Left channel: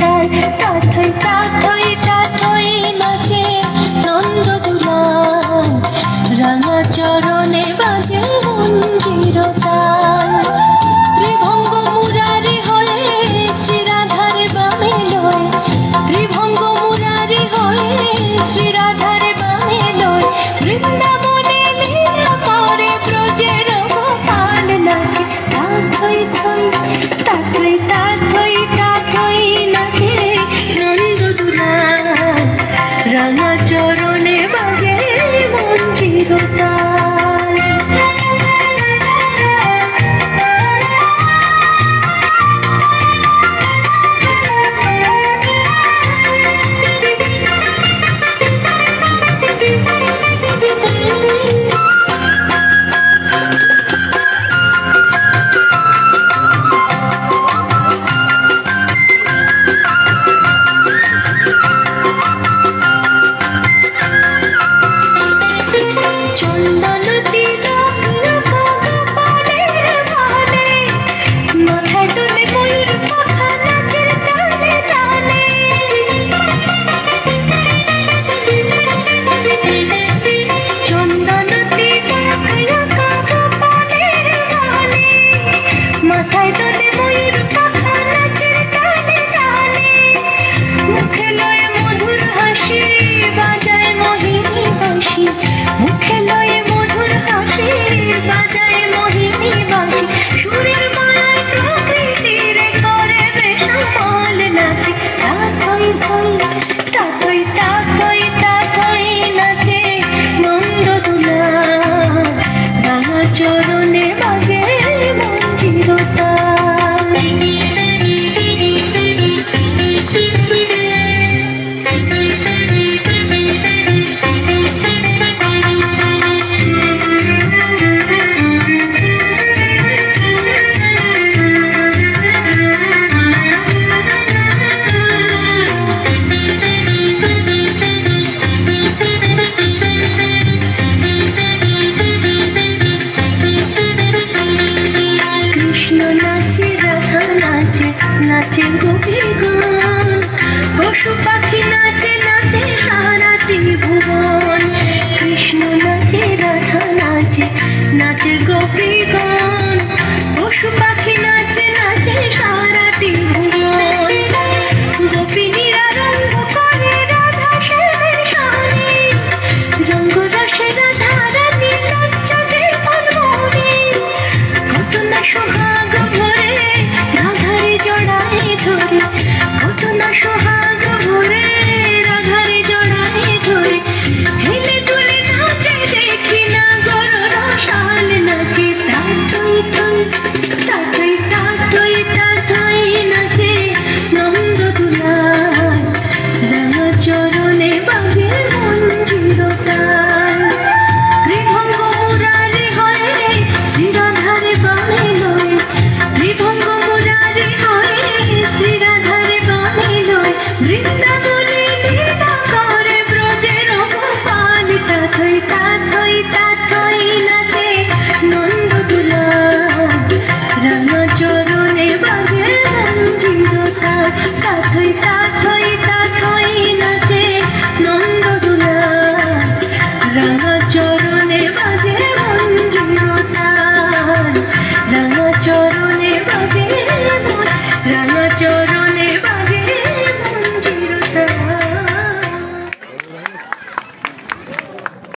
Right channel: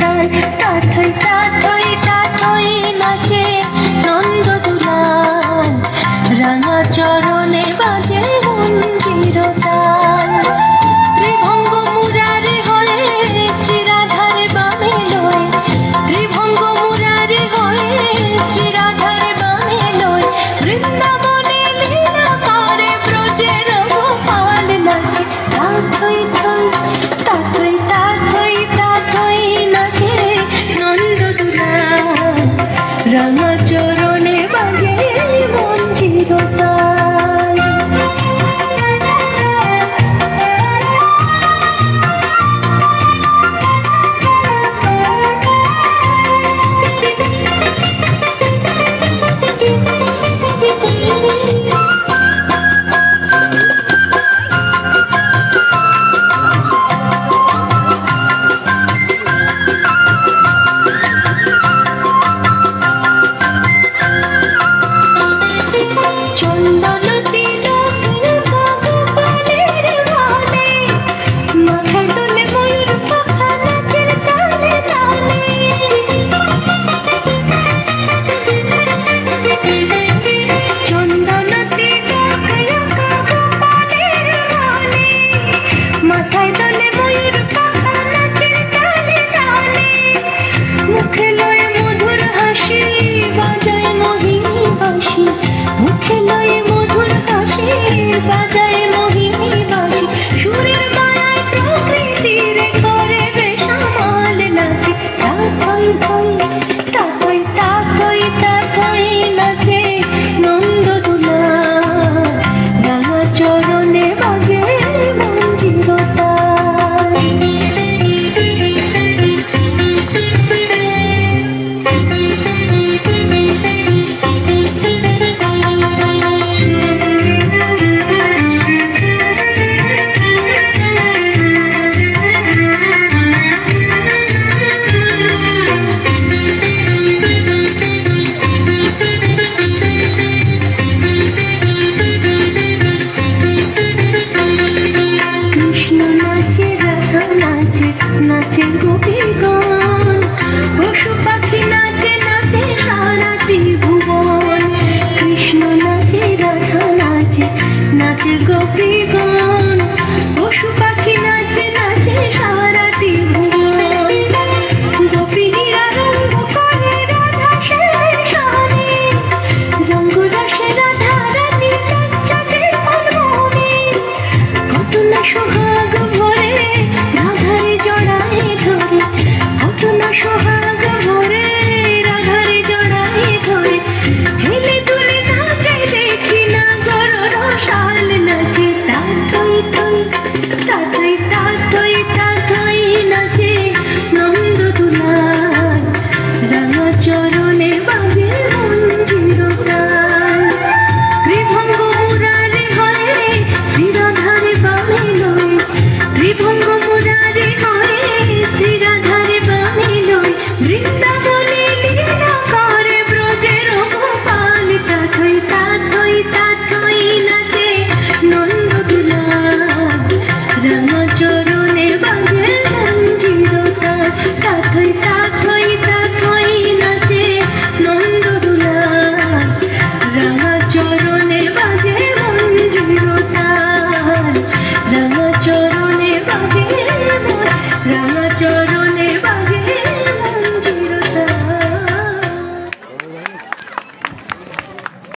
তাল তাথই তাথই তাথই নাচে নন্দ দুলাল রাঙা চরণে বাজে মঞ্জির তাল ত্রিভঙ্গ মুরারি হয়ে শ্রীরাধার বামে লয় ত্রিভঙ্গ মুরারি হয়ে শ্রীরাধার বামে লয় বৃন্দাবনে লীলা করে ব্রজের গোপাল নাচে তাথই থই তাথই তাথই তাথই নাচে নন্দ দুলাল রাঙা চরণে বাজে মঞ্জির তাল নাচে গোপীগণ পশু